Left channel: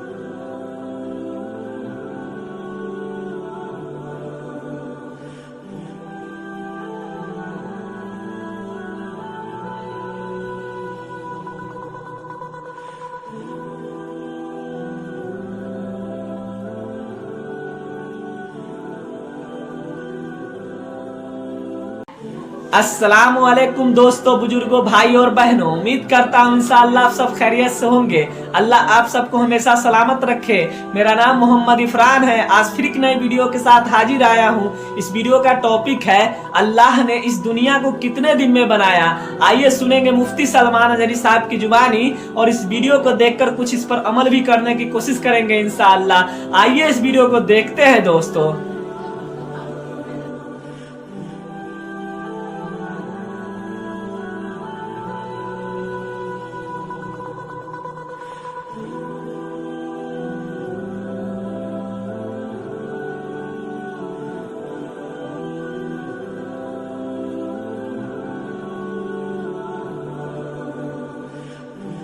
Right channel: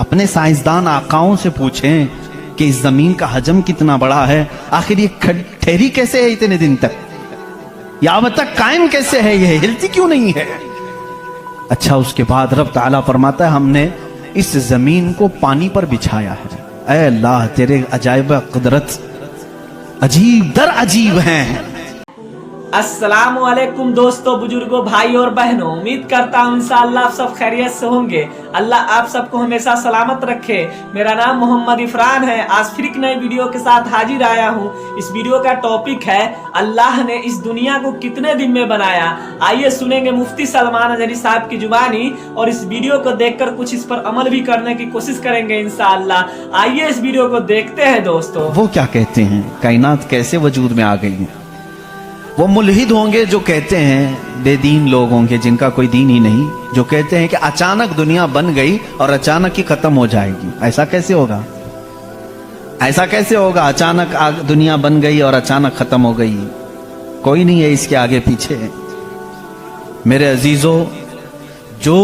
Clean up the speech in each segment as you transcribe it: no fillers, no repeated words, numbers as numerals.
अपने साइंसदान आकाओं से पूछें कि इस जमीन का हजम कितना बड़ा है, आखिर ये ठहरी कैसे है इतने दिन तक, या अब तक कायम कैसे है, ये हिलती क्यों नहीं है। अच्छा, उसके बाद रब ताला फरमाता है हमने इस जमीन को पानी पर बिछाया है। ऐ अल्लाह, तेरे अजाइब कुदरत अजीब दर अजीब हैं। अस्सलामु अलैकुम दोस्तों, बुजुर्गों, भाई और बहनों, उम्मीद करता हूँ इंशाअल्लाह आप सब खैरियत से होंगे। अल्लाह आप सबको हमेशा सलामत रखे। मेरा नाम मोहम्मद इफरान है। आज फिर एक नई वीडियो के साथ हाजिर आया हूँ। इस वीडियो का टॉपिक है अल्लाह ने इस दुनिया को कितने दिन में बनाया। आइए सुनेंगे मुफ्ती सलमान अजहरी साहब की जुबानी, और इस वीडियो को देखकर कुछ इस पर अमल भी करने की कोशिश करेंगे इंशाअल्लाह। आइए इस वीडियो को देखते हैं दोस्तों। वो क्या कहते हैं, कायनात कैसे वजूद में आ गई है। वो मुल्हिद होंगे जो कहते हैं, बेदीन लोग होंगे जिनका कोई दीन ही नहीं, जो कहते हैं कि अचानक दुनिया बन गई और अचानक ही खत्म हो जाएगी। ऐसा कैसे होगा, ऐसा कैसे होगा, अचानक दुनिया बन गई और अचानक खत्म हो गई। कोई नहीं है इसके आगे पीछे। मेरे अजीजों, जो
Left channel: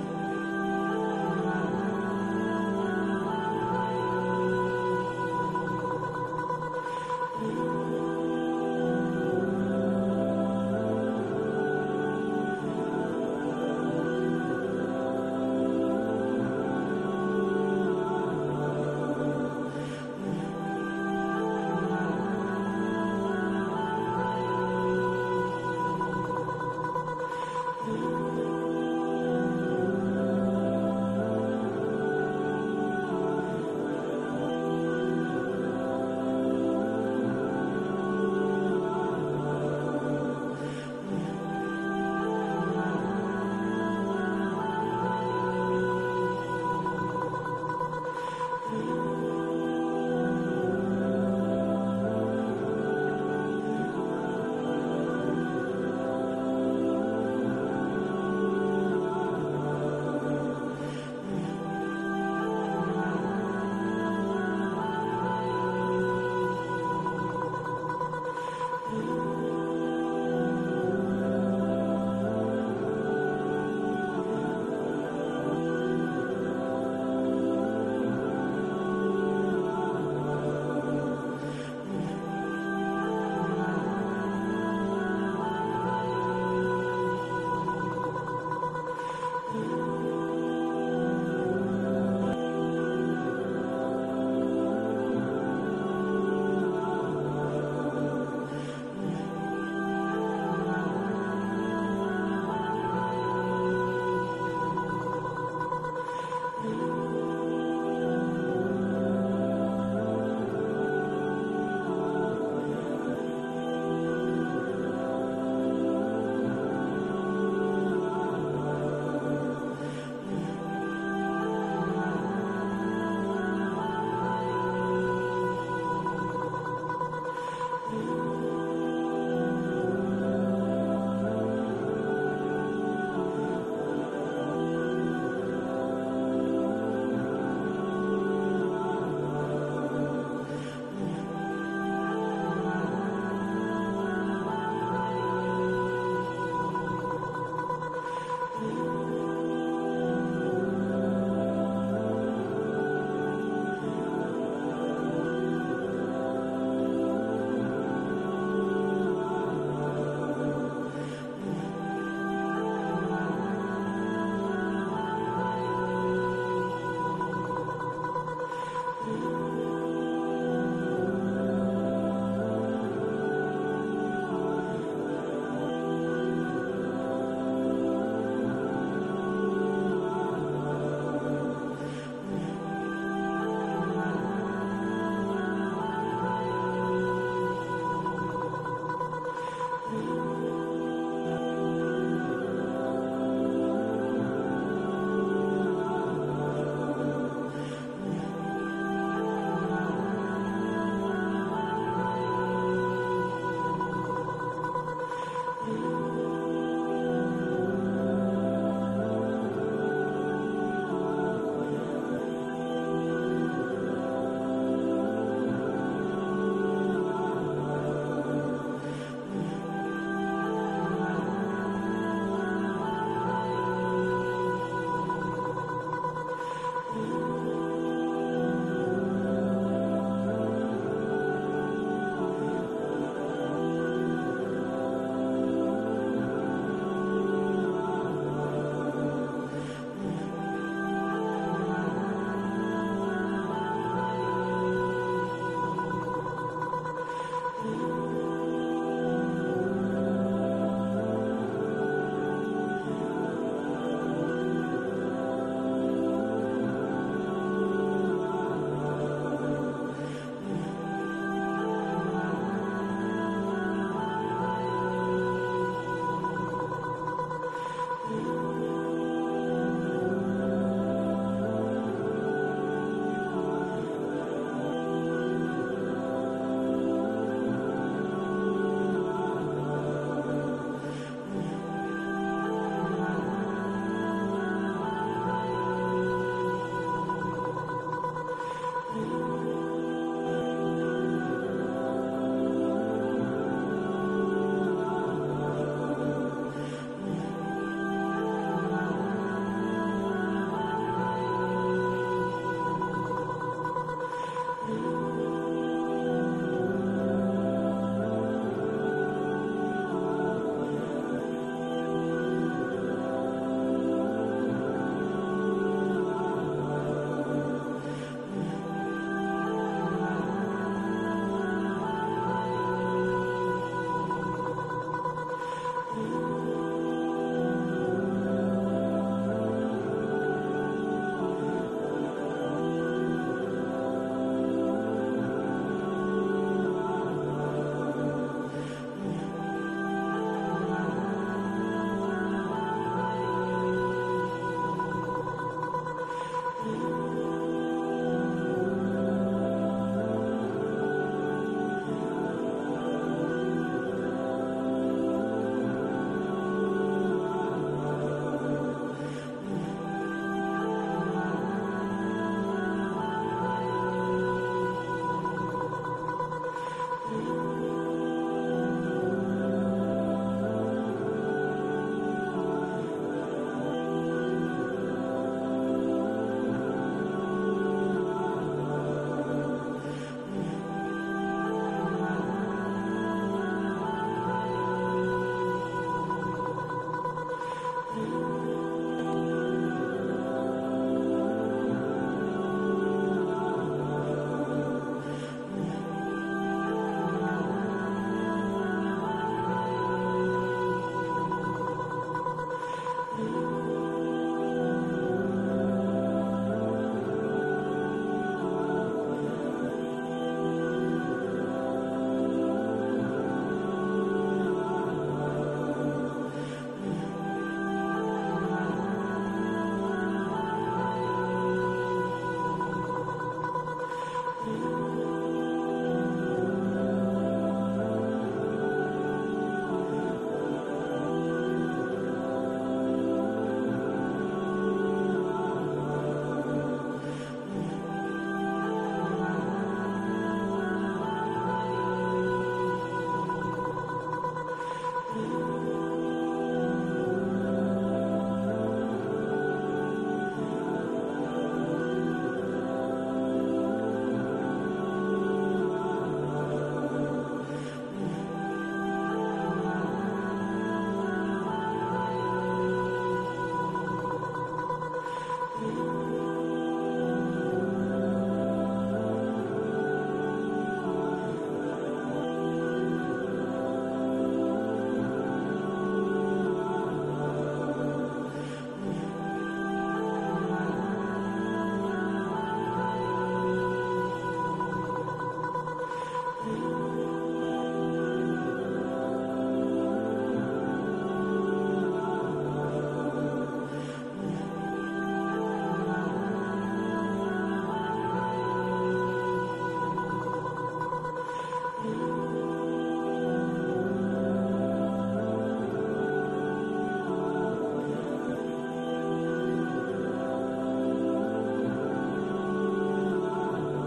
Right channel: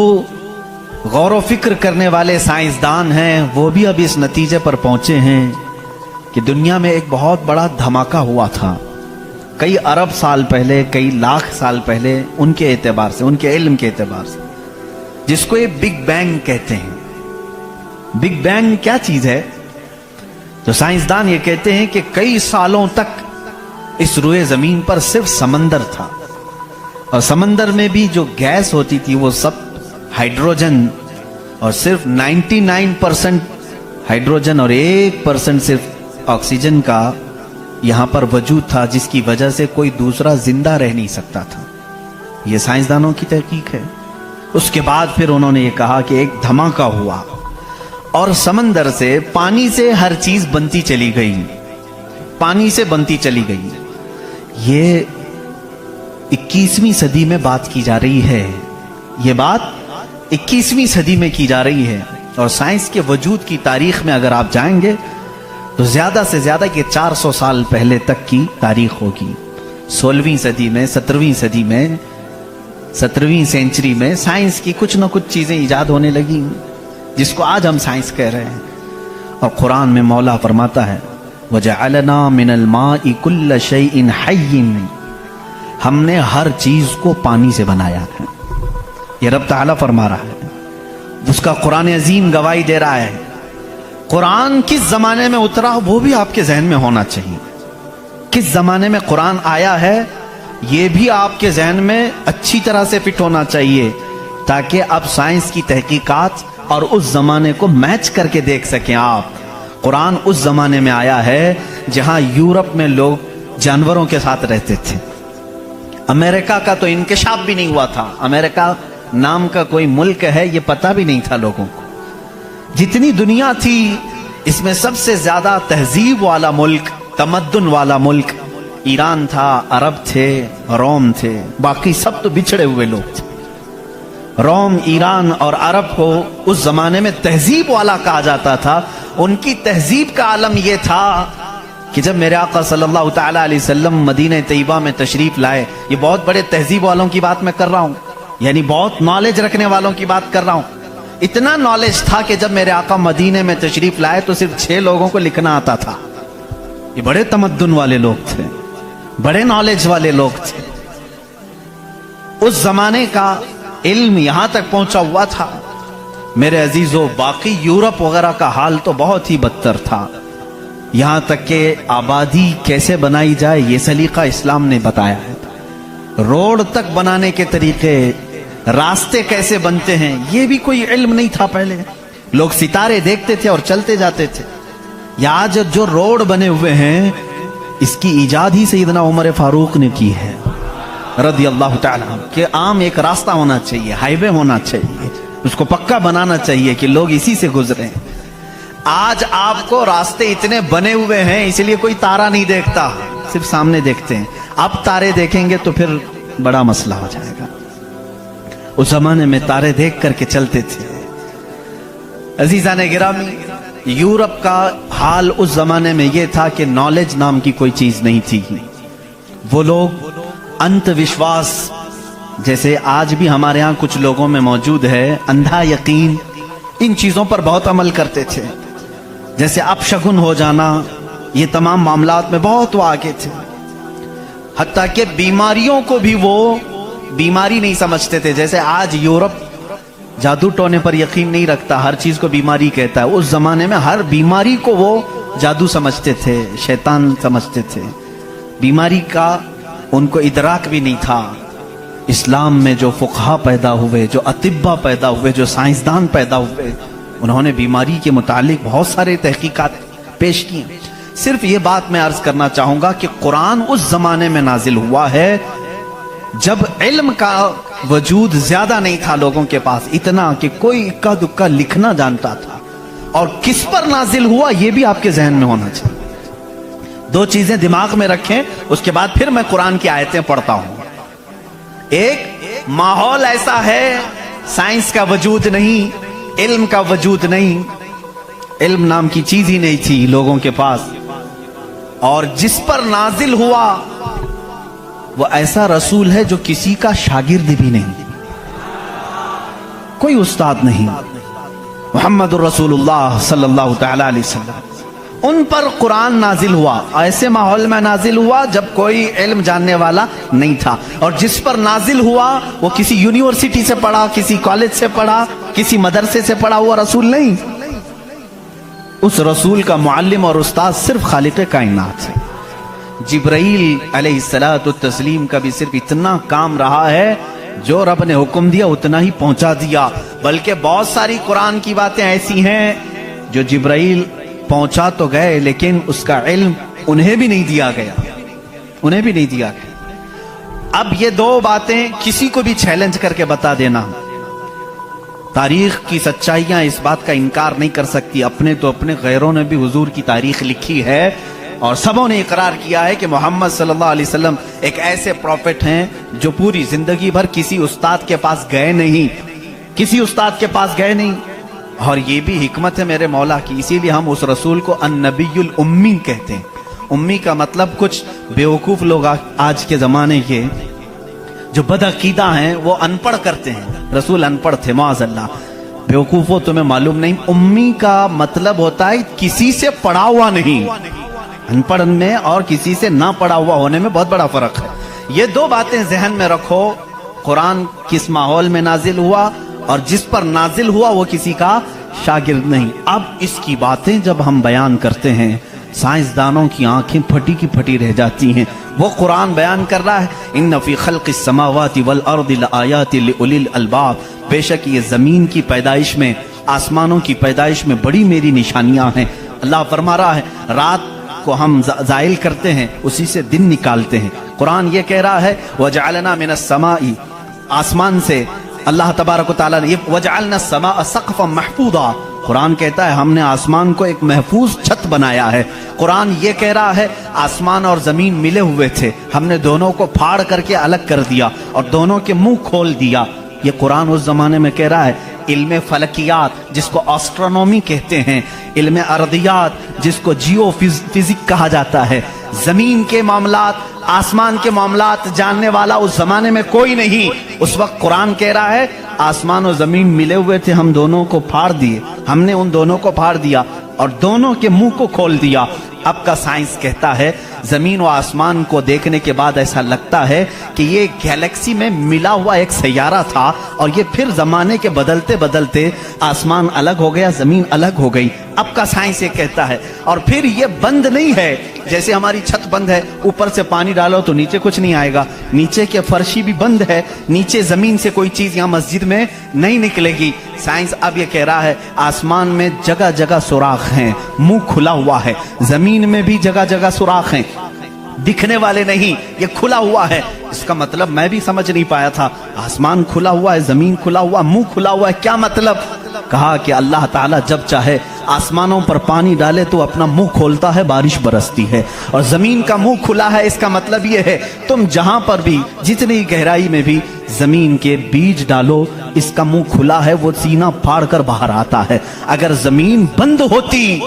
गौर व फिक्र करने वाले साइंसदान हैं वो भी अब इस नतीजे पर पहुंचे हैं कि दुनिया में एक बहुत बड़ा धमाका हुआ था कई अरब साल पहले, कई लाख साल पहले, उनके एतबार से, उनके इल्म के एतबार से, जिसको ये बिग बैंग कहते हैं। बिग बैंग क्या चीज है? तो साइंसदान ये कहते हैं कि कई सालों तक इस रुए जमीन पर सिर्फ समंदर था, और समंदर में भी जो गैस होती थी वो सब हाइड्रोजन, और सिर्फ 99% हाइड्रोजन और 1% सिर्फ ऑक्सीजन का यहां पर वजूद था, जिसकी वजह से कोई दूसरा जिंदा रह नहीं सकता था। यह साइंसदानों की तहकीक है। उसके बाद फिर उन्होंने ये कहा कि एक धमाका हुआ और समंदर से, पानी से हर चीज बनती चली गई, पानी से बनती चली गई। ये 21वीं सदी में बात की जा रही है। ये बात 21वीं सदी में की जा रही है, और साइंस के वजूद की तारीख में अगर आप जाएंगे तो ज्यादा से ज्यादा ये 400 साल पहले तक की तारीख होगी। 16वीं सदी में, 17वीं सदी में, 17वीं सेंचुरी में साइंस की कुछ न कुछ चीजें इजाद होने लगी, जिसको आज हम साइंस कह रहे हैं। और कुरान में मौला फरमाता है, वजअलना मिनल माइ कुल्ल शैइन हय्यिन, हमने हर चीज को पानी से बनाया है। ये रब ताला फरमा रहा है, उसका कुरान अजीम गवाही दे रहा है। कुरान किस जमाने में उतरा वो भी आपके जहन में होना चाहिए। किस जमाने में कुरान आया है ये भी आपके जहन में अच्छी तरह से फिट होना चाहिए, ताकि अब साइंस की तहकीकात और उस जमाने को मैच करके देख सकें आप। कुरान उस जमाने में आया है जहां यूरोप में लोग जानवरों के साथ रहते थे। अमेरिका का तो इंकिशाफ भी नहीं हुआ था। अमेरिका नाम का कोई मुल्क है ये पता भी नहीं था लोगों को। जितनी दुनिया थी इसमें सबसे ज्यादा तहजीब वाला मुल्क, तमद्दुन वाला मुल्क ईरान था, अरब थे, रोम थे। बाकी सब तो बिछड़े हुए लोग थे। रोम, ईरान और अरब को उस जमाने में तहजीब वाला कहा जाता था। उनकी तहजीब का आलम यह था कि जब मेरे आका सल्लल्लाहु तआला अलैहि वसल्लम मदीना तैयबा में तशरीफ लाए, ये बहुत बड़े तहजीब वालों की बात मैं कर रहा हूं, यानी बहुत नॉलेज रखने वालों की बात कर रहा हूं। इतना नॉलेज था कि जब मेरे आका मदीने में तशरीफ लाए तो सिर्फ 6 लोगों को लिखना आता था। ये बड़े तमद्दुन वाले लोग थे, बड़े नॉलेज वाले लोग थे। उस जमाने का इल्म यहां तक पहुंचा हुआ था। मेरे अजीजों, बाकी यूरोप वगैरह का हाल तो बहुत ही बदतर था। यहां तक कि आबादी कैसे बनाई जाए ये सलीका इस्लाम ने बताया है। रोड तक बनाने के तरीके, रास्ते कैसे बनते हैं ये भी कोई इल्म नहीं था पहले। लोग सितारे देखते थे और चलते जाते थे। या आज जो रोड बने हुए हैं इसकी इजाद ही सैयदना उमर फारूक ने की है रदी अल्लाह ताला, कि आम एक रास्ता होना चाहिए, हाईवे होना चाहिए, उसको पक्का बनाना चाहिए कि लोग इसी से गुजरें। आज आपको रास्ते इतने बने हुए हैं इसलिए कोई तारा नहीं देखता, सिर्फ सामने देखते हैं। अब तारे देखेंगे तो फिर बड़ा मसला हो जाएगा। उस जमाने में तारे देख करके चलते थे। अजीजाने गिरामी, यूरोप का हाल उस जमाने में यह था कि नॉलेज नाम की कोई चीज नहीं थी। वो लोग अंधविश्वास, जैसे आज भी हमारे यहाँ कुछ लोगों में मौजूद है, अंधा यकीन, इन चीजों पर बहुत अमल करते थे। जैसे अपशगुन हो जाना, ये तमाम मामलात में बहुत वो आगे थे। हत्ता कि बीमारियों को भी वो बीमारी नहीं समझते थे। जैसे आज यूरोप जादू टोने पर यकीन नहीं रखता, हर चीज को बीमारी कहता है। उस जमाने में हर बीमारी को वो जादू समझते थे, शैतान समझते थे। बीमारी का उनको इदराक भी नहीं था। इस्लाम में जो फुकहा पैदा हुए, जो अतिब्बा पैदा हुए, जो साइंसदान पैदा हुए, उन्होंने बीमारी के मुतालिक बहुत सारे तहकीकात पेश की। सिर्फ ये बात मैं अर्ज करना चाहूंगा कि कुरान उस जमाने में नाजिल हुआ है जब इल्म का वजूद ज्यादा नहीं था लोगों के पास, इतना कि कोई इक्का दुक्का लिखना जानता था। और किस पर नाजिल हुआ ये भी आपके जहन में होना चाहिए। दो चीजें दिमाग में रखें, उसके बाद फिर मैं कुरान की आयतें पढ़ता हूं। एक, माहौल ऐसा है, साइंस का वजूद नहीं, इल्म का वजूद नहीं, इल्म नाम की चीज ही नहीं थी लोगों के पास। और जिस पर नाजिल हुआ वो ऐसा रसूल है जो किसी का शागिर्द भी नहीं, कोई उस्ताद नहीं, मुहम्मदुर रसूलुल्लाह सल्लल्लाहु तआला अलैहि वसल्लम। उन पर कुरान नाजिल हुआ, ऐसे माहौल में नाजिल हुआ जब कोई इल्म जानने वाला नहीं था। और जिस पर नाजिल हुआ वो किसी यूनिवर्सिटी से पढ़ा, किसी कॉलेज से पढ़ा, किसी मदरसे से पढ़ा हुआ रसूल नहीं। उस रसूल का मुअल्लिम और उस्ताद सिर्फ खालिक कायनात है। जिब्राइल अलैहिस्सलातु तस्लीम का भी सिर्फ इतना काम रहा है, जो रब ने हुक्म दिया उतना ही पहुंचा दिया। बल्कि बहुत सारी कुरान की बातें ऐसी हैं जो जिब्राइल पहुंचा तो गए लेकिन उसका इल्म उन्हें भी नहीं दिया गया, उन्हें भी नहीं दिया गया। अब ये दो बातें किसी को भी चैलेंज करके बता देना, तारीख की सच्चाइयां इस बात का इनकार नहीं कर सकती। अपने तो अपने, गैरों ने भी हुजूर की तारीख लिखी है और सबों ने इकरार किया है कि मोहम्मद सल्लल्लाहु अलैहि वसल्लम एक ऐसे प्रॉफिट हैं जो पूरी जिंदगी भर किसी उस्ताद के पास गए नहीं, किसी उस्ताद के पास गए नहीं। और ये भी हिकमत है मेरे मौला की, इसीलिए हम उस रसूल को अन्नबीयुल उम्मी कहते हैं। उम्मी का मतलब कुछ बेवकूफ लोग आज के जमाने के जो बदअकीदा हैं वो अनपढ़ करते हैं। रसूल अनपढ़ थे, माअज़ल्लाह। बेवकूफो तुम्हें मालूम नहीं, उम्मी का मतलब होता है किसी से पढ़ा हुआ नहीं। अनपढ़ में और किसी से ना पढ़ा हुआ होने में बहुत बड़ा फर्क है। ये दो बातें जहन में रखो। कुरान किस माहौल में नाजिल हुआ और जिस पर नाजिल हुआ वो किसी का शागिर्द नहीं। अब इसकी बातें जब हम बयान करते हैं, साइंसदानों की आंखें फटी की फटी रह जाती हैं। वो कुरान बयान कर रहा है, इन्न फी खल्क़िस समावाति वल अर्दि लआयाति लिउलिल अलबाब, बेशक ये जमीन की पैदाइश में, आसमानों की पैदाइश में बड़ी मेरी निशानियां हैं। अल्लाह फरमा रहा है, रात को हम जाइल करते हैं, उसी से दिन निकालते हैं। कुरान ये कह रहा है, वजअलना मिनस समाई, आसमान से अल्लाह तबारक व तआला ने, वजअलना समा सक़फ़न महफूज़ा, कुरान कहता है हमने आसमान को एक महफूज छत बनाया है। कुरान ये कह रहा है आसमान और जमीन मिले हुए थे, हमने दोनों को फाड़ करके अलग कर दिया और दोनों के मुंह खोल दिया। ये कुरान उस जमाने में कह रहा है। इल्म फलकियात जिसको एस्ट्रोनॉमी कहते हैं, इल्म अर्दियात जिसको जियो फिजिक कहा जाता है, जमीन के मामलात, आसमान के मामलात जानने वाला उस जमाने में कोई नहीं। उस वक्त कुरान कह रहा है आसमान और जमीन मिले हुए थे, हम दोनों को फाड़ दिए, हमने उन दोनों को फाड़ दिया और दोनों के मुंह को खोल दिया। अब का साइंस कहता है जमीन और आसमान को देखने के बाद ऐसा लगता है कि ये गैलेक्सी में मिला हुआ एक सैयारा था और ये फिर जमाने के बदलते बदलते आसमान अलग हो गया, जमीन अलग हो गई। अब का साइंस ये कहता है। और फिर ये बंद नहीं है, जैसे हमारी छत बंद है, ऊपर से पानी डालो तो नीचे कुछ नहीं आएगा, नीचे के फर्शी भी बंद है, नीचे जमीन से कोई चीज यहाँ मस्जिद में नहीं निकलेगी। साइंस अब ये कह रहा है आसमान में जगह जगह सुराख हैं, मुंह खुला हुआ है, जमीन में भी जगह जगह सुराख हैं, दिखने वाले नहीं, ये खुला हुआ है। इसका मतलब मैं भी समझ नहीं पाया था, आसमान खुला हुआ है, जमीन खुला हुआ, मुंह खुला हुआ है, क्या मतलब? कहा कि अल्लाह ताला जब चाहे आसमानों पर पानी डाले तो अपना मुंह खोलता है, बारिश बरसती है, और जमीन का मुंह खुला है। इसका मतलब ये है तुम जहां पर भी, जितनी गहराई में भी जमीन के बीज डालो, اس کا منہ کھلا ہے وہ سینہ پھاڑ کر باہر آتا ہے. اگر زمین بند ہوتی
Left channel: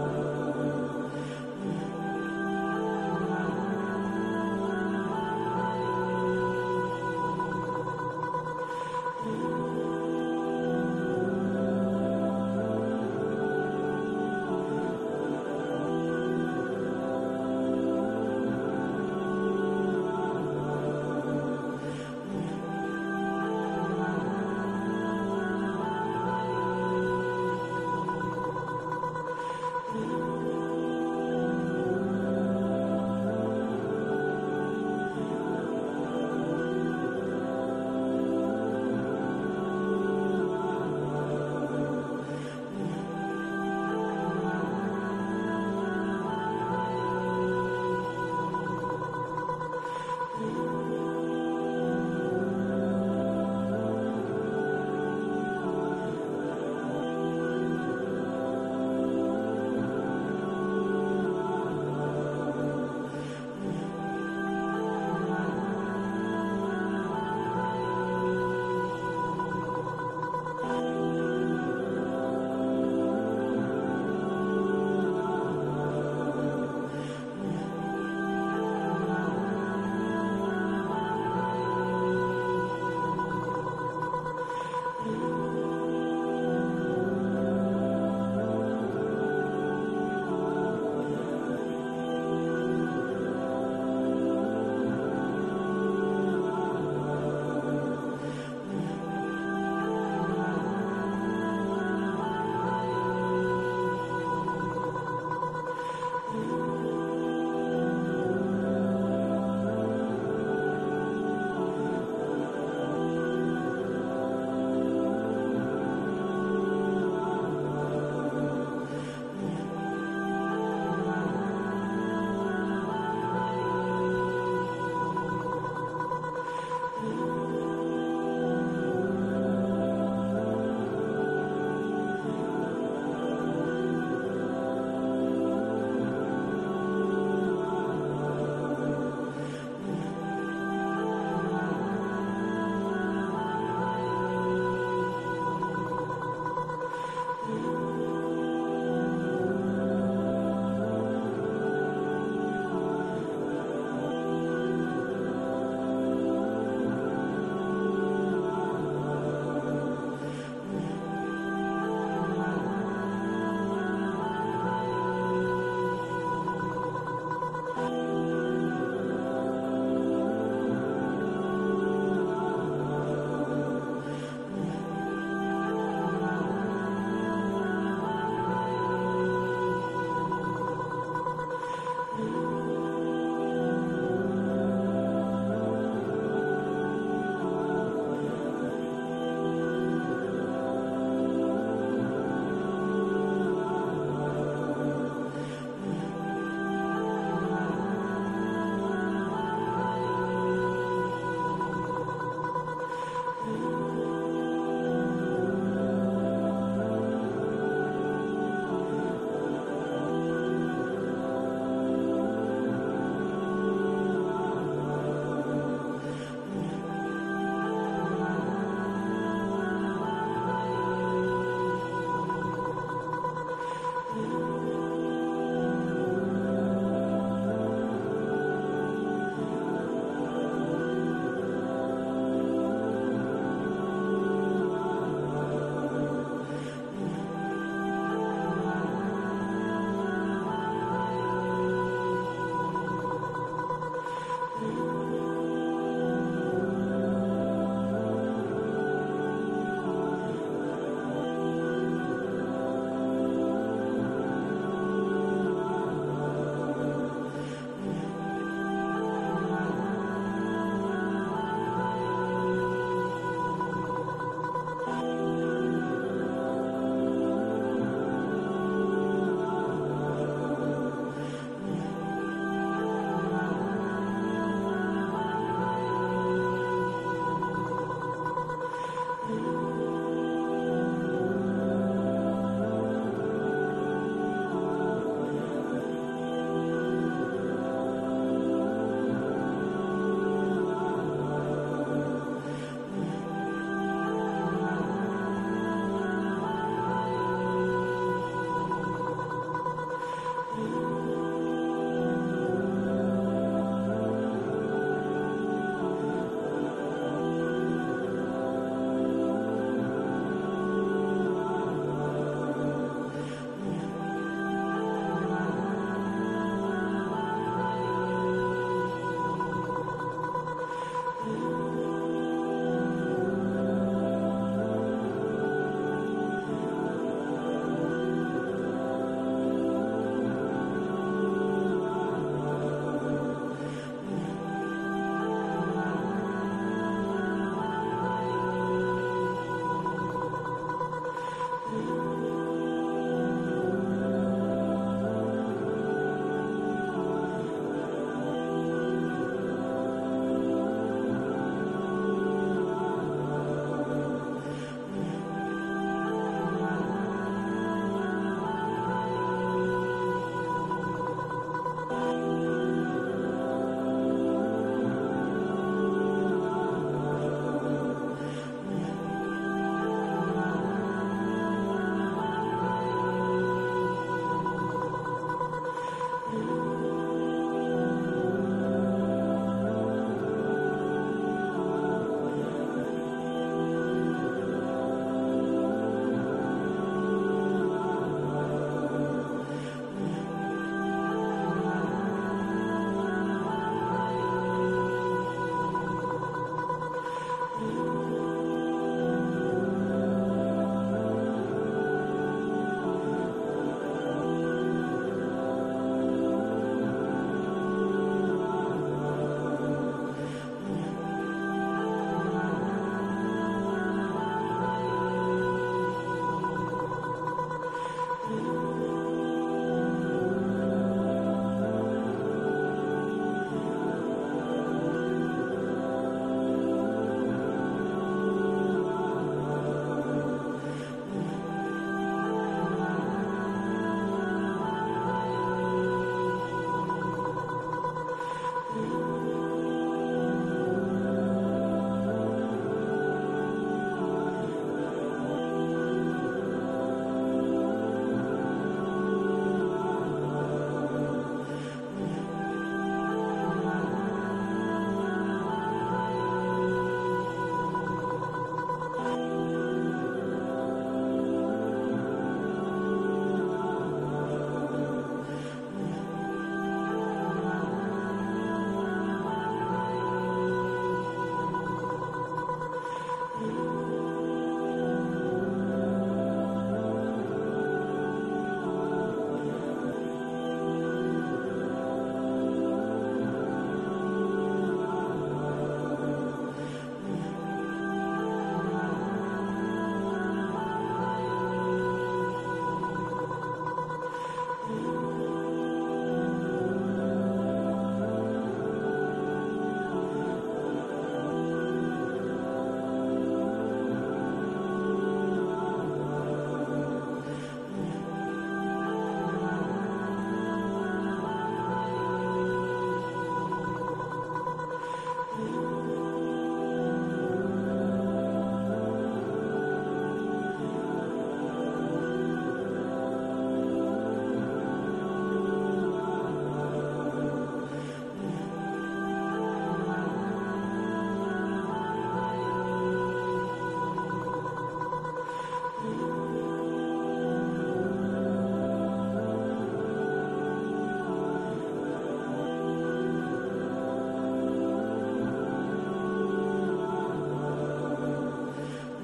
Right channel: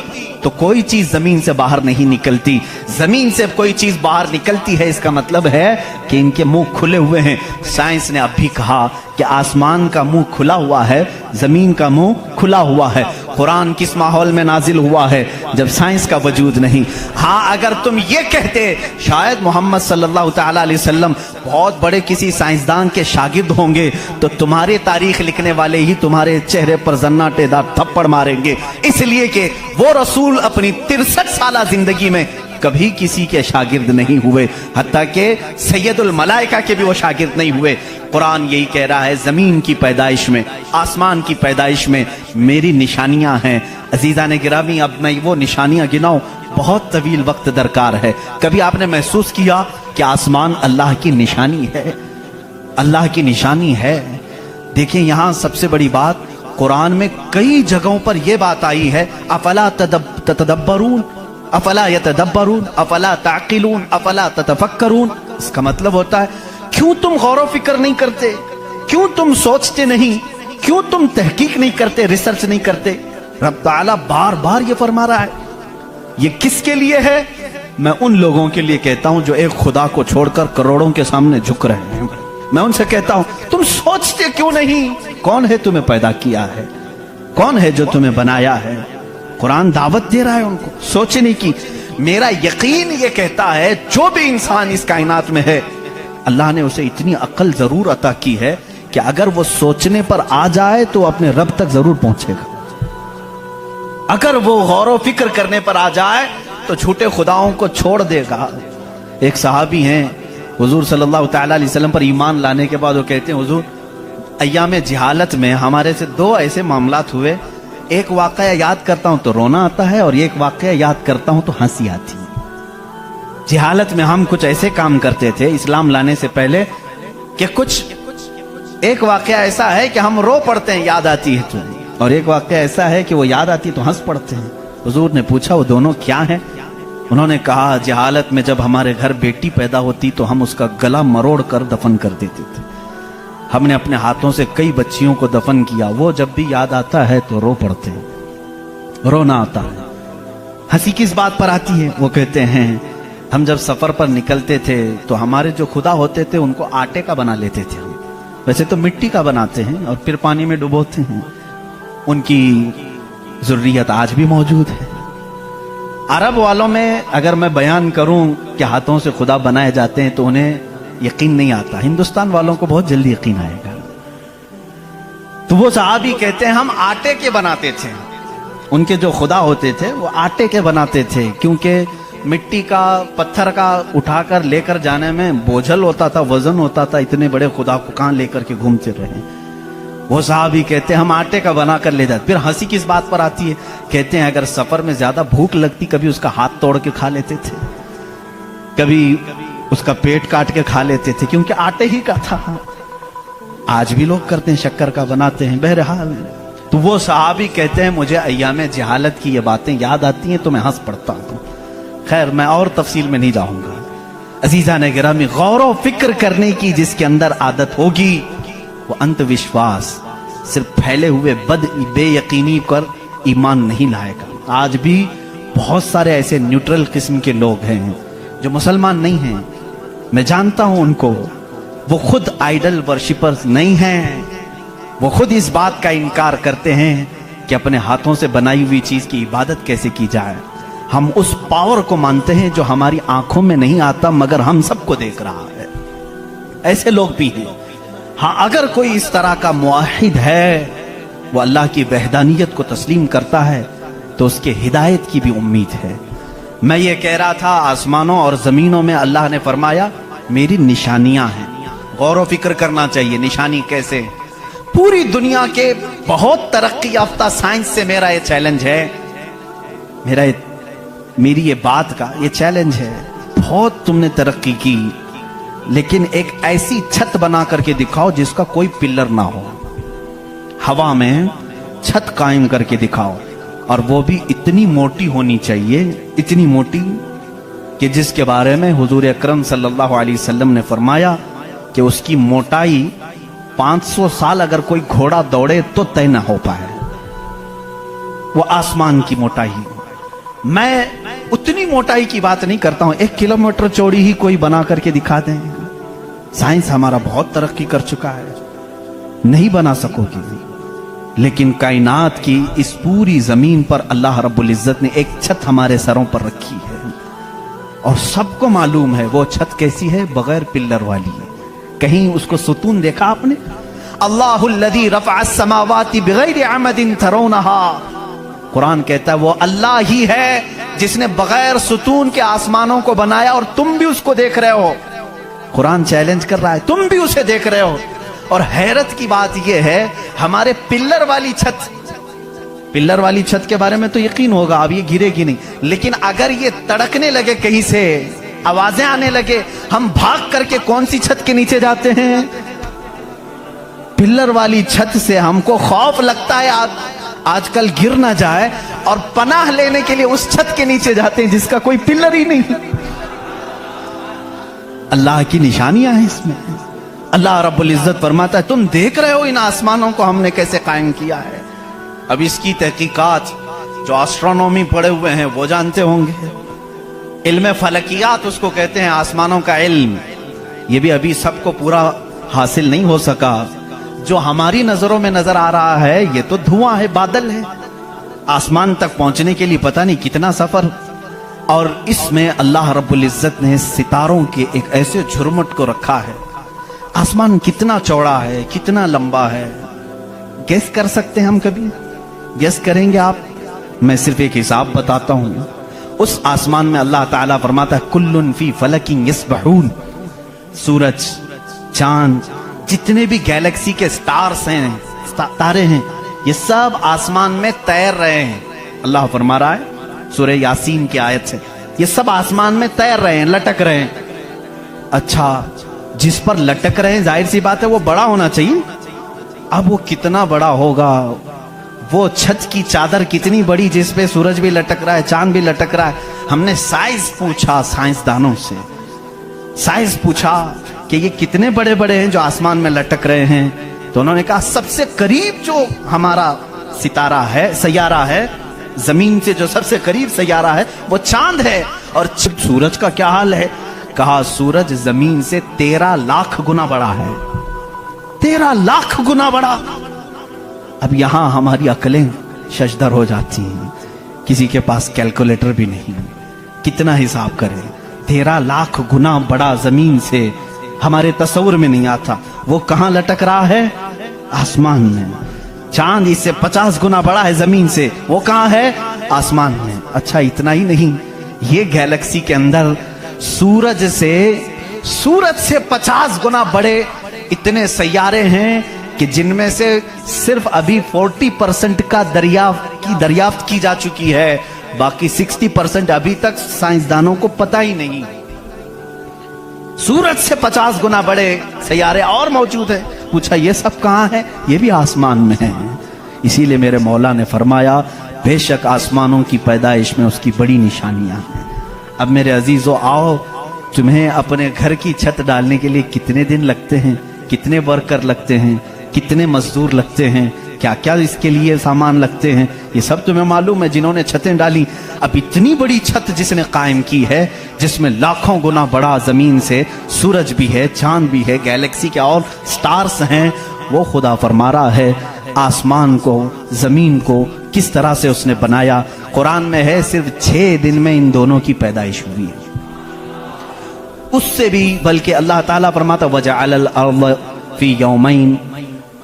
تو کوئی چیز زمین سے باہر نہیں نکلتی. زمین سے کوئی چیز باہر نکلتی ہے اس کا مطلب ہے کہ ان کے منہ کھلے ہوئے ہیں. سائنس نے اب بھی کہا کہ آسمان کا منہ کھلا ہوا ہے, زمین کا منہ کھلا ہوا ہے. قرآن کس ماحول میں نازل ہوا ہے؟ جب سائنس کا وجود نہیں. ہاں اگر تم یہ کہتے شاید محمد صلی اللہ تعالی علیہ وسلم بہت بڑے کسی سائنسدان کے شاگرد ہوں گے تو تمہارے تاریخ لکھنے والے ہی تمہارے چہرے پر زناٹے دار تھپڑ ماریں گے, اس لیے کہ وہ رسول اپنی 63 سالہ زندگی میں کبھی کسی کے شاگرد نہیں ہوئے, حتیٰ کہ سید الملائکہ کے بھی وہ شاگرد نہیں ہوئے. قرآن یہی کہہ رہا ہے زمین کی پیدائش میں, آسمان کی پیدائش میں میری نشانیاں ہیں. عزیزان گرامی اب میں وہ نشانیاں گناؤں بہت طویل وقت درکار ہے. کبھی آپ نے محسوس کیا کہ آسمان اللہ کی نشانی ہے؟ اللہ کی نشانی ہے. دیکھیں یہاں سب سے بڑی بات قرآن میں کئی جگہوں پر یہ بات آئی ہے افلا تتدبرون افلا یتدبرون افلا تعقلون افلا تتفکرون. اس کا مطلب ہوتا ہے کیوں تم غور و فکر نہیں کرتے, کیوں تم سوچتے نہیں, کیوں تم تحقیق نہیں کرتے, ریسرچ نہیں کرتے. رب تعالیٰ بار بار یہ فرما رہا ہے. یہ کس کے لیے ہے؟ میں ان لوگوں کے لیے کہتا ہوں جو ایک خدا کو چھوڑ کر کروڑوں کے سامنے جھک رہے ہیں. میں ان سے کہتا ہوں تم سوچتے کیوں نہیں؟ کون ہے تمہیں پیدا کیا ہے؟ کون ہے جو تمہیں بنایا ہے؟ قرآن دعوت دے رہا ہے ان کو سوچنے کی. میرا یقین یہ کہتا ہے جو بھی انسان اس کائنات میں ہے اللہ نے اسے اتنی عقل ضرور عطا کی ہے کہ اگر وہ سوچنے پر آ جائے تو اپنے رب تک ضرور پہنچے گا. اگر وہ غور و فکر کرنے پر آ جائے تو جھوٹے خداؤں کو چھوڑ دے گا. ایک صحابی ہیں حضور صلی اللہ تعالی علیہ وسلم پر ایمان لانے کے بعد وہ کہتے ہیں حضور ایام جہالت میں ہمارے سے 2 ایسے معاملات ہوئے, ایک واقعہ یاد کرتا ہوں تو رونا آتا ہے اور ایک واقعہ یاد کرتا ہوں تو ہنسی آتی ہے. جہالت میں ہم کچھ ایسے کام کرتے تھے اسلام لانے سے پہلے کہ ایک واقعہ ایسا ہے کہ ہم رو پڑتے ہیں یاد آتی ہے تو, اور ایک واقعہ ایسا ہے کہ وہ یاد آتی ہے تو ہنس پڑتے ہیں. حضور نے پوچھا وہ دونوں کیا ہیں؟ انہوں نے کہا جہالت میں جب ہمارے گھر بیٹی پیدا ہوتی تو ہم اس کا گلا مروڑ کر دفن کر دیتے تھے. ہم نے اپنے ہاتھوں سے کئی بچیوں کو دفن کیا, وہ جب بھی یاد آتا ہے تو رو پڑتے ہیں, رونا آتا ہے. ہنسی کس بات پر آتی ہے؟ وہ کہتے ہیں ہم جب سفر پر نکلتے تھے تو ہمارے جو خدا ہوتے تھے ان کو آٹے کا بنا لیتے تھے. ویسے تو مٹی کا بناتے ہیں اور پھر پانی میں ڈبوتے ہیں. ان کی ذریت آج بھی موجود ہے. عرب والوں میں اگر میں بیان کروں کہ ہاتھوں سے خدا بنائے جاتے ہیں تو انہیں یقین نہیں آتا. ہندوستان والوں کو بہت جلدی یقین آئے گا. تو وہ صحابی کہتے ہیں ہم آٹے کے بناتے تھے. ان کے جو خدا ہوتے تھے وہ آٹے کے بناتے تھے کیونکہ مٹی کا پتھر کا اٹھا کر لے کر جانے میں بوجھل ہوتا تھا, وزن ہوتا تھا. اتنے بڑے خدا کو کہاں لے کر کے گھومتے رہے. وہ صحابی کہتے ہیں ہم آٹے کا بنا کر لے جاتے. پھر ہنسی کس بات پر آتی ہے؟ کہتے ہیں اگر سفر میں زیادہ بھوک لگتی کبھی اس کا ہاتھ توڑ کے کھا لیتے تھے, کبھی اس کا پیٹ کاٹ کے کھا لیتے تھے کیونکہ آٹے ہی کا تھا. آج بھی لوگ کرتے ہیں, شکر کا بناتے ہیں. بہرحال تو وہ صحابی کہتے ہیں مجھے ایام جہالت کی یہ باتیں یاد آتی ہیں تو میں ہنس پڑتا ہوں. خیر میں اور تفصیل میں نہیں جاؤں گا. عزیزان گرامی غور و فکر کرنے کی جس کے اندر عادت ہوگی وہ انت وشواس صرف پھیلے ہوئے بے یقینی پر ایمان نہیں لائے گا. آج بھی بہت سارے ایسے نیوٹرل قسم کے لوگ ہیں جو مسلمان نہیں ہیں, میں جانتا ہوں ان کو. وہ خود آئیڈل ورشپرز نہیں ہیں, وہ خود اس بات کا انکار کرتے ہیں کہ اپنے ہاتھوں سے بنائی ہوئی چیز کی عبادت کیسے کی جائے. ہم اس پاور کو مانتے ہیں جو ہماری آنکھوں میں نہیں آتا مگر ہم سب کو دیکھ رہا ہے. ایسے لوگ بھی ہیں. ہاں اگر کوئی اس طرح کا موحد ہے, وہ اللہ کی وحدانیت کو تسلیم کرتا ہے تو اس کے ہدایت کی بھی امید ہے. میں یہ کہہ رہا تھا آسمانوں اور زمینوں میں اللہ نے فرمایا میری نشانیاں ہیں. غور و فکر کرنا چاہیے. نشانی کیسے؟ پوری دنیا کے بہت ترقی یافتہ سائنس سے میرا یہ چیلنج ہے, میری یہ بات کا یہ چیلنج ہے. بہت تم نے ترقی کی لیکن ایک ایسی چھت بنا کر کے دکھاؤ جس کا کوئی پلر نہ ہو. ہوا میں چھت قائم کر کے دکھاؤ, اور وہ بھی اتنی موٹی ہونی چاہیے, اتنی موٹی کہ جس کے بارے میں حضور اکرم صلی اللہ علیہ وسلم نے فرمایا کہ اس کی موٹائی 500 साल अगर कोई घोड़ा दौड़े तो तय ना हो पाए, वो आसमान की मोटाई। मैं उतनी मोटाई की बात नहीं करता हूं, 1 किलोमीटर चौड़ी ही कोई बना करके दिखा दें। साइंस हमारा बहुत तरक्की कर चुका है, नहीं बना सकोगी। लेकिन कायनात की इस पूरी जमीन पर अल्लाह रब्बुल इज्जत ने एक छत हमारे सरों पर रखी है, और सबको मालूम है वो छत कैसी है, बगैर पिल्लर वाली है। कहीं उसको सुतून देखा आपने? अल्लाहुल्लज़ी रफ़अ अस्समावाति बिगैरि अमदिन तरौनहा। कुरान कहता है वो अल्लाह ही है जिसने बगैर सुतून के आसमानों को बनाया, और तुम भी उसको देख रहे हो। कुरान चैलेंज कर रहा है, तुम भी उसे देख रहे हो। और हैरत की बात यह है, हमारे पिल्लर वाली छत के बारे में तो यकीन होगा अब ये गिरेगी नहीं, लेकिन अगर ये तड़कने लगे, कहीं से आवाजें आने लगे, हम भाग करके कौन सी छत के नीचे जाते हैं? पिल्लर वाली छत से हमको खौफ लगता है आजकल गिर ना जाए, और पनाह लेने के लिए उस छत के नीचे जाते हैं जिसका कोई पिल्लर ही नहीं। अल्लाह की निशानियां हैं इसमें। अल्लाह रब्बुल इज्जत फरमाता है तुम देख रहे हो इन आसमानों को हमने कैसे कायम किया है। अब इसकी तहकीकात जो एस्ट्रोनॉमी पढ़े हुए हैं वो जानते होंगे। इल्म फलकियात उसको कहते हैं, आसमानों का इल्म। ये भी अभी सबको पूरा हासिल नहीं हो सका। जो हमारी नजरों में नजर आ रहा है ये तो धुआं है, बादल है। आसमान तक पहुंचने के लिए पता नहीं कितना सफर। और इसमें अल्लाह रब्बुल इज्जत ने सितारों के एक ऐसे झुरमुट को रखा है। आसमान कितना चौड़ा है, कितना लंबा है, गैस कर सकते हैं हम? कभी गैस करेंगे आप? मैं सिर्फ एक हिसाब बताता हूं। उस आसमान में अल्लाह ताला फरमाता है कुल्लुन फी फलकिन यस्बहून। सूरज, चांद, जितने भी गैलेक्सी के स्टार्स हैं, तारे हैं, ये सब आसमान में तैर रहे हैं। अल्लाह फरमा रहा है सूरह यासीन की आयत से, ये सब आसमान में तैर रहे हैं, लटक रहे हैं। अच्छा, जिस पर लटक रहे हैं जाहिर सी बात है वो बड़ा होना चाहिए। अब वो कितना बड़ा होगा? वो छत की चादर कितनी बड़ी जिस पे सूरज भी लटक रहा है, चांद भी लटक रहा है। हमने साइज पूछा साइंसदानों से, साइज पूछा कि ये कितने बड़े बड़े हैं जो आसमान में लटक रहे हैं। तो उन्होंने कहा सबसे करीब जो हमारा सितारा है, सैयारा है, जमीन से जो सबसे करीब सैयारा है वो चांद है। और सूरज का क्या हाल है? कहा सूरज जमीन से 13 लाख गुना बड़ा है। 13 लाख गुना बड़ा। अब यहां हमारी अकलें शशदर हो जाती हैं, किसी के पास कैलकुलेटर भी नहीं, कितना हिसाब करें। 13 लाख गुना बड़ा जमीन से, हमारे तस्वुर में नहीं आता। वो कहां लटक रहा है? आसमान में। चांद इससे 50 गुना बड़ा है जमीन से, वो कहां है? आसमान में। अच्छा, इतना ही नहीं, ये गैलेक्सी के अंदर सूरज से 50 गुना बड़े इतने सैयारे हैं कि जिनमें से सिर्फ अभी 40% का दरियाफ्त की जा चुकी है, बाकी 60% अभी तक साइंसदानों को पता ही नहीं। सूरज से 50 गुना बड़े सैयारे और मौजूद है। पूछा ये सब कहां है? ये भी आसमान में है। इसीलिए मेरे मौला ने फरमाया बेशक आसमानों की पैदाइश में उसकी बड़ी निशानियां हैं। अब मेरे अजीजों, आओ, तुम्हें अपने घर की छत डालने के लिए कितने दिन लगते हैं, कितने वर्कर लगते हैं, कितने मजदूर लगते हैं, क्या क्या इसके लिए सामान लगते हैं, ये सब तुम्हें मालूम है जिन्होंने छतें डाली। अब इतनी बड़ी छत जिसने कायम की है, जिसमें लाखों गुना बड़ा जमीन से सूरज भी है, चांद भी है, गैलेक्सी के और स्टार्स हैं, वो खुदा फरमा रहा है आसमान को, जमीन को किस तरह से उसने बनाया। कुरान में है सिर्फ 6 दिन में इन दोनों की पैदाइश हुई है। उससे भी बल्कि अल्लाह ताला फरमाता वजअल अर्द फी यौमैन।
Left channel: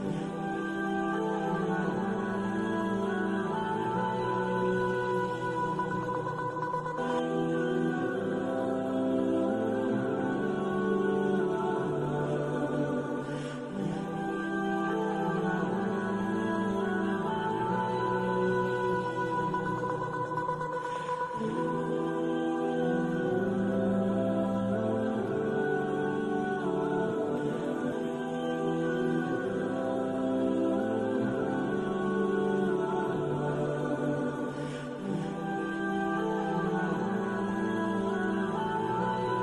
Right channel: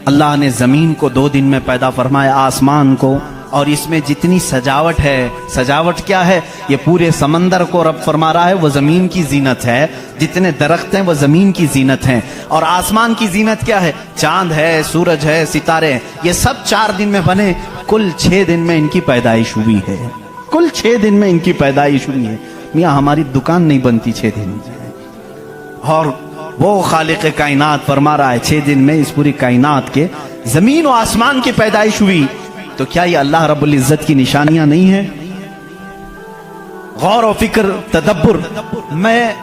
अल्लाह ने जमीन को 2 दिन में पैदा फरमाया, आसमान को। और इसमें जितनी सजावट है, सजावट क्या है? ये पूरे समंदर को रब फरमा रहा है वो जमीन की जीनत है। जितने दरख्त हैं वो जमीन की जीनत हैं। और आसमान की जीनत क्या है? चांद है, सूरज है, सितारे हैं। ये सब 4 दिन में बने। कुल 6 दिन में इनकी पैदाइश हुई है। कुल 6 दिन में इनकी पैदाइश हुई है। मियाँ हमारी दुकान नहीं बनती 6 दिन में, और वो खालिक कायनात फरमा रहा है 6 दिन में इस पूरी कायनात के जमीन और आसमान की पैदाइश हुई। तो क्या ये अल्लाह रब्बुल इज्जत की निशानियां नहीं है? गौर और फिक्र, तदब्बुर। मैं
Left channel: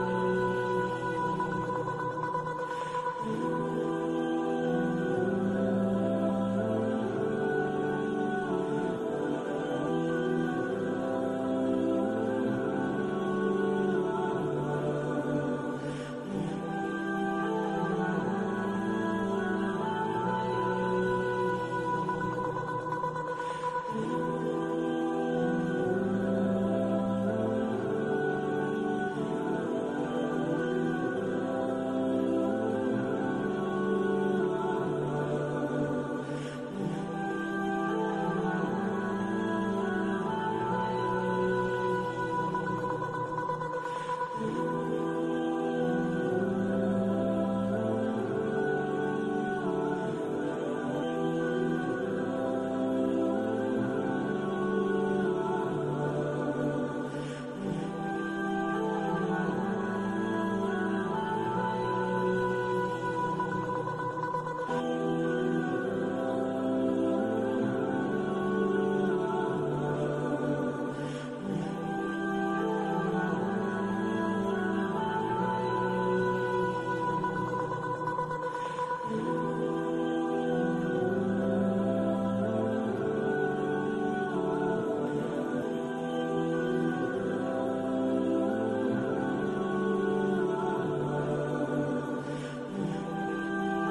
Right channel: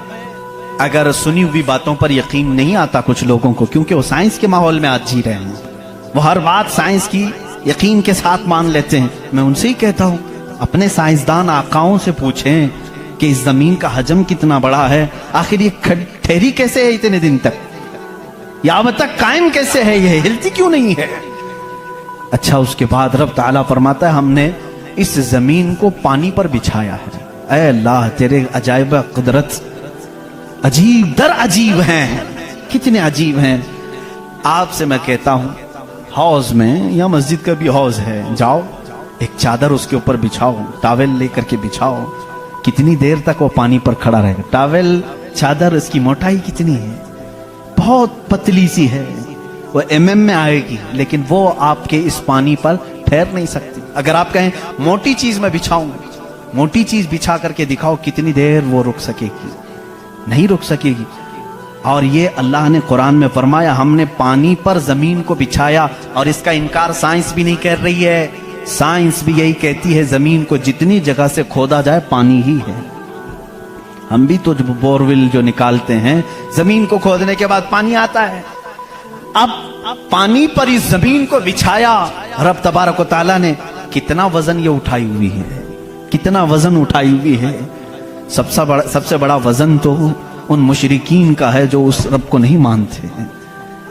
अगर सुनी हुई बातों पर यकीन नहीं आता कुछ लोगों को, क्योंकि वो साइंस के माहौल में आज जी रहे हैं, वो हर बात साइंस की यकीन के साथ मान लेते हैं। मैं उनसे ही कहता हूं, अपने साइंसदान आकाओं से पूछें कि इस जमीन का हजम कितना बड़ा है, आखिर ये ठहरी कैसे है इतने दिन तक, या अब तक कायम कैसे है, ये हिलती क्यों नहीं है। अच्छा, उसके बाद रब ताला फरमाता है हमने इस जमीन को पानी पर बिछाया है। ऐ अल्लाह, तेरे अजायब कुदरत अजीब दर अजीब हैं, कितने अजीब हैं। आपसे मैं कहता हूं, हौज में या मस्जिद का भी हौज है, जाओ एक चादर उसके ऊपर बिछाओ, टॉवेल लेकर के बिछाओ, कितनी देर तक वो पानी पर खड़ा रहेगा। टॉवेल, चादर, इसकी मोटाई कितनी है, बहुत पतली सी है, वो mm में आएगी, लेकिन वो आपके इस पानी पर ठहर नहीं सकती। अगर आप कहें मोटी चीज में बिछाऊं, मोटी चीज बिछा करके दिखाओ, कितनी देर वो रुक सकेगी, नहीं रुक सकेगी। और ये अल्लाह ने कुरान में फरमाया हमने पानी पर जमीन को बिछाया, और इसका इनकार साइंस भी नहीं कर रही है। साइंस भी यही कहती है जमीन को जितनी जगह से खोदा जाए पानी ही है। हम भी तो बोरवेल जो निकालते हैं, जमीन को खोदने के बाद पानी आता है। अब पानी पर इस जमीन को बिछाया रब तबारक व तआला ने, कितना वजन ये उठाई हुई है, कितना वजन उठाई हुई है। सबसे बड़ा वजन तो उन मुशरिकीन का है जो उस रब को नहीं मानते।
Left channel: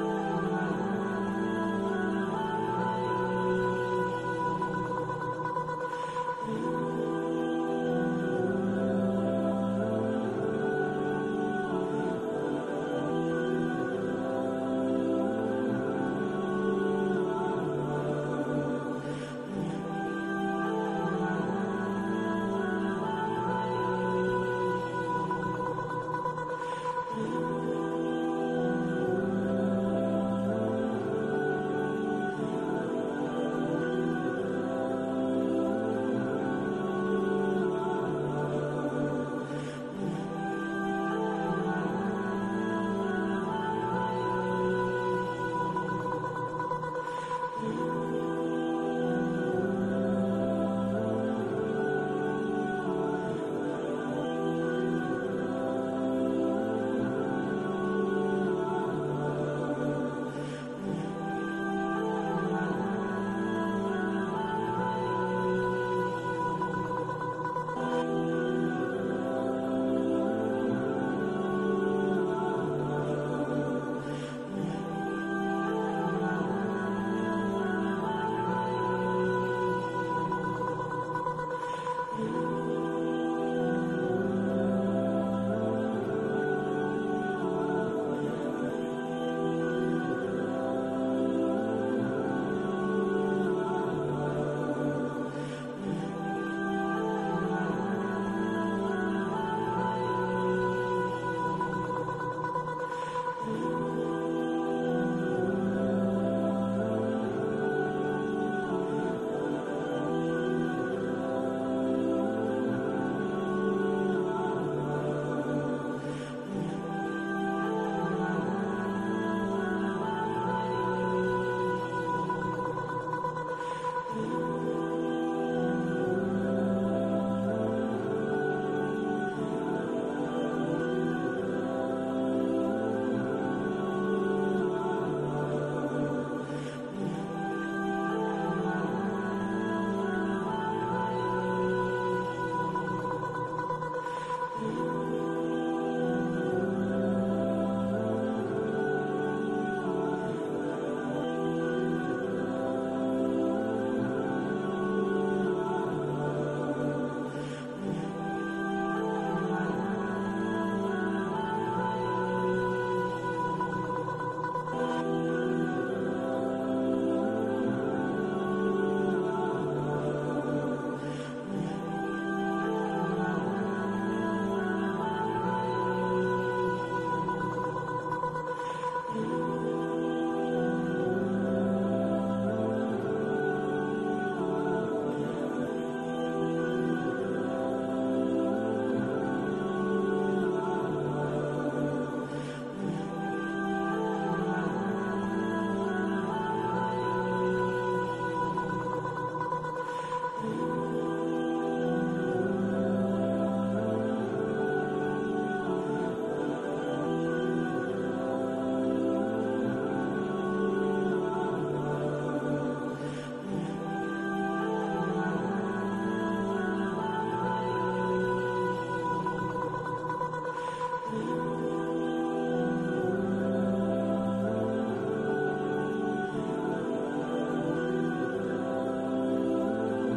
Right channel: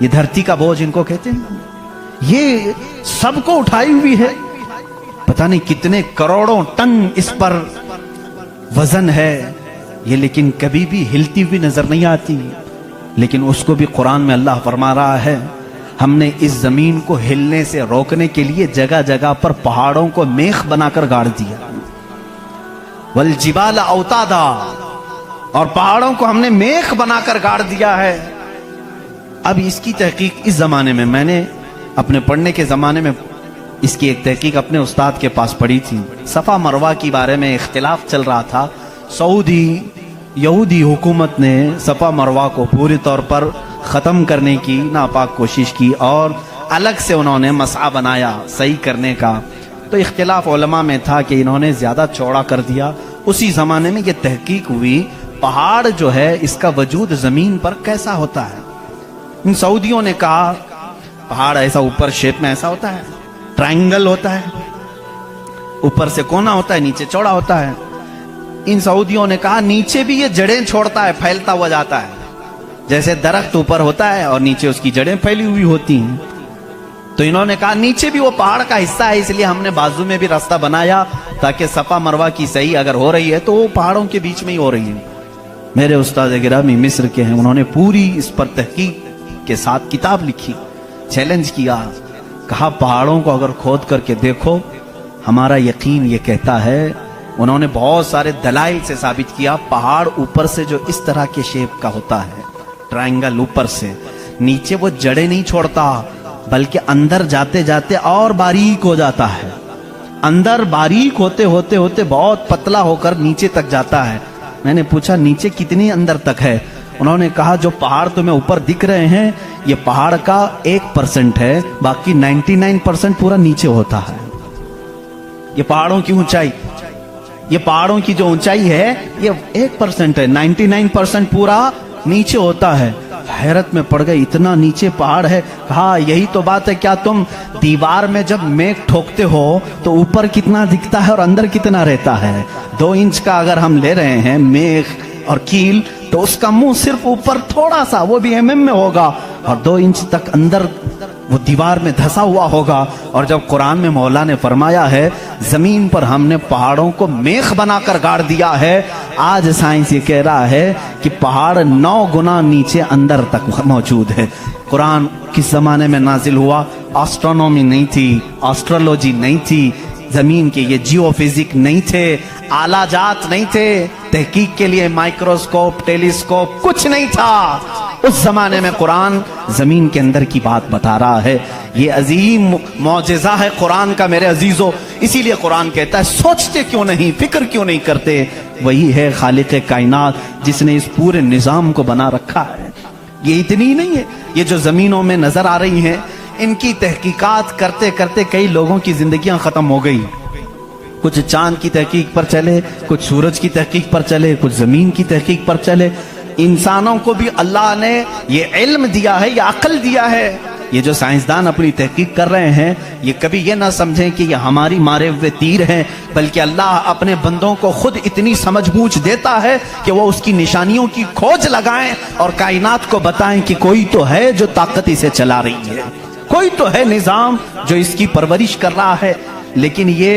ये धरती का बोझ इनको कहते हैं, ये सबको उठाई हुई है। पता नहीं कितने करोड़ों टन इस पर वजन है ये, लेकिन कभी भी हिलती हुई नजर नहीं आती। लेकिन उसको भी कुरान में अल्लाह फरमा रहा है हमने इस जमीन को हिलने से रोकने के लिए जगह जगह पर पहाड़ों को मेख बनाकर गाड़ दिया। वल जिबाल औतादा, और पहाड़ों को हमने मेख बनाकर गाड़ दिया है। अब इसकी तहकीक इस जमाने में, मैंने अपने पढ़ने के जमाने में इसकी एक तहकीक अपने उस्ताद के पास पढ़ी थी। सफा मरवा के बारे में इख्तिलाफ चल रहा था। सऊदी यहूदी हुकूमत ने सफा मरवा को पूरी तौर पर ख़त्म करने की नापाक कोशिश की और अलग से उन्होंने मसआ बनाया सही करने का। तो इख्तिलाफ उलमा में था कि इन्होंने ज़्यादा चौड़ा कर दिया। उसी ज़माने में ये तहकीक हुई पहाड़ जो है इसका वजूद ज़मीन पर कैसा होता है। इन सऊदियों ने कहा पहाड़ ऐसा ऊपर शेप में ऐसा होता है, ट्रायंगल होता है, ऊपर से कोना होता है, नीचे चौड़ा होता है। इन सऊदियों ने कहा नीचे भी ये जड़ें छोड़ता है, फैलता हुआ जाता है, जैसे दरख्त ऊपर होता है और नीचे उसकी जड़ें फैली हुई होती हैं। तो इन्होंने कहा नीचे भी वो पहाड़ का हिस्सा है, इसलिए हमने बाजू में भी रास्ता बनाया ताकि सफा मरवा की सही अगर हो रही है तो वो पहाड़ों के बीच में ही हो रही है। मेरे उस्ताद गिरामी मिस्र के हैं, उन्होंने पूरी इस पर तहकीक के साथ किताब लिखी, चैलेंज किया, कहा पहाड़ों को अगर खोद करके देखो, हमारा यकीन ये कहता है। उन्होंने बहुत सारे दलाइल से साबित किया पहाड़ ऊपर से जो इस तरह के शेप का होता है, ट्रायंगल ऊपर से, नीचे वो जड़ें नहीं छोड़ता बल्कि अंदर जाते जाते और बारीक हो जाता है, अंदर बारीक होते होते होते बहुत पतला होकर नीचे तक जाता है। मैंने पूछा नीचे कितनी अंदर तक है? उन्होंने कहा जो पहाड़ तुम्हें ऊपर दिख रहे हैं ये पहाड़ का 1% है, बाकी 99% पूरा नीचे होता है। ये पहाड़ों की ऊंचाई, ये पहाड़ों की जो ऊंचाई है ये 1% है, 99% पूरा नीचे होता है। हैरत में पड़ गई, इतना नीचे पहाड़ है। कहा यही तो बात है, क्या तुम दीवार में जब मेख ठोकते हो तो ऊपर कितना दिखता है और अंदर कितना रहता है? 2 इंच का अगर हम ले रहे हैं मेख और कील तो उसका मुंह सिर्फ ऊपर थोड़ा सा, वो भी mm में होगा, और 2 इंच तक अंदर वो दीवार में धंसा हुआ होगा। और जब कुरान में मौला ने फरमाया है जमीन पर हमने पहाड़ों को मेख बनाकर गाड़ दिया है, आज साइंस ये कह रहा है कि पहाड़ 9 गुना नीचे अंदर तक मौजूद है। कुरान किस जमाने में नाजिल हुआ? एस्ट्रोनॉमी नहीं थी, एस्ट्रोलॉजी नहीं थी, जमीन के ये जियोफिजिक नहीं थे, आला जात नहीं थे, तहकीक के लिए माइक्रोस्कोप, टेलीस्कोप कुछ नहीं था। उस जमाने में कुरान जमीन के अंदर की बात बता रहा है। ये अजीम मौजिज़ा है कुरान का मेरे अजीजों। इसीलिए कुरान कहता है सोचते क्यों नहीं, फिक्र क्यों नहीं करते? वही है खालिक कायनात जिसने इस पूरे निजाम को बना रखा है। ये इतनी ही नहीं है, ये जो जमीनों में नजर आ रही हैं इनकी तहकीकात करते करते कई लोगों की जिंदगियां खत्म हो गई। कुछ चांद की तहकीक पर चले, कुछ सूरज की तहकीक पर चले, कुछ जमीन की तहकीक पर चले। इंसानों को भी अल्लाह ने ये इल्म दिया है, ये अक्ल दिया है। ये जो साइंसदान अपनी तहकीक कर रहे हैं, ये कभी ये ना समझें कि ये हमारी मारे हुए तीर हैं, बल्कि अल्लाह अपने बंदों को खुद इतनी समझ बूझ देता है कि वो उसकी निशानियों की खोज लगाएं और कायनात को बताएं कि कोई तो है जो ताकत इसे चला रही है, कोई तो है निजाम जो इसकी परवरिश कर रहा है। लेकिन ये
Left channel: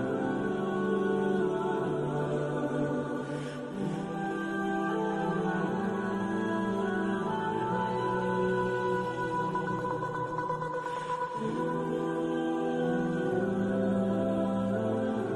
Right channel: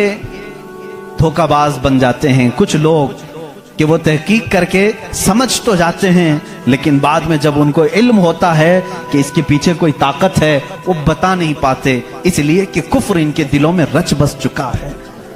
धोखाबाज बन जाते हैं कुछ लोग कि वो तहकीक करके समझ तो जाते हैं, लेकिन बाद में जब उनको इल्म होता है कि इसके पीछे कोई ताकत है, वो बता नहीं पाते, इसलिए कि कुफ्र इनके दिलों में रच बस चुका है।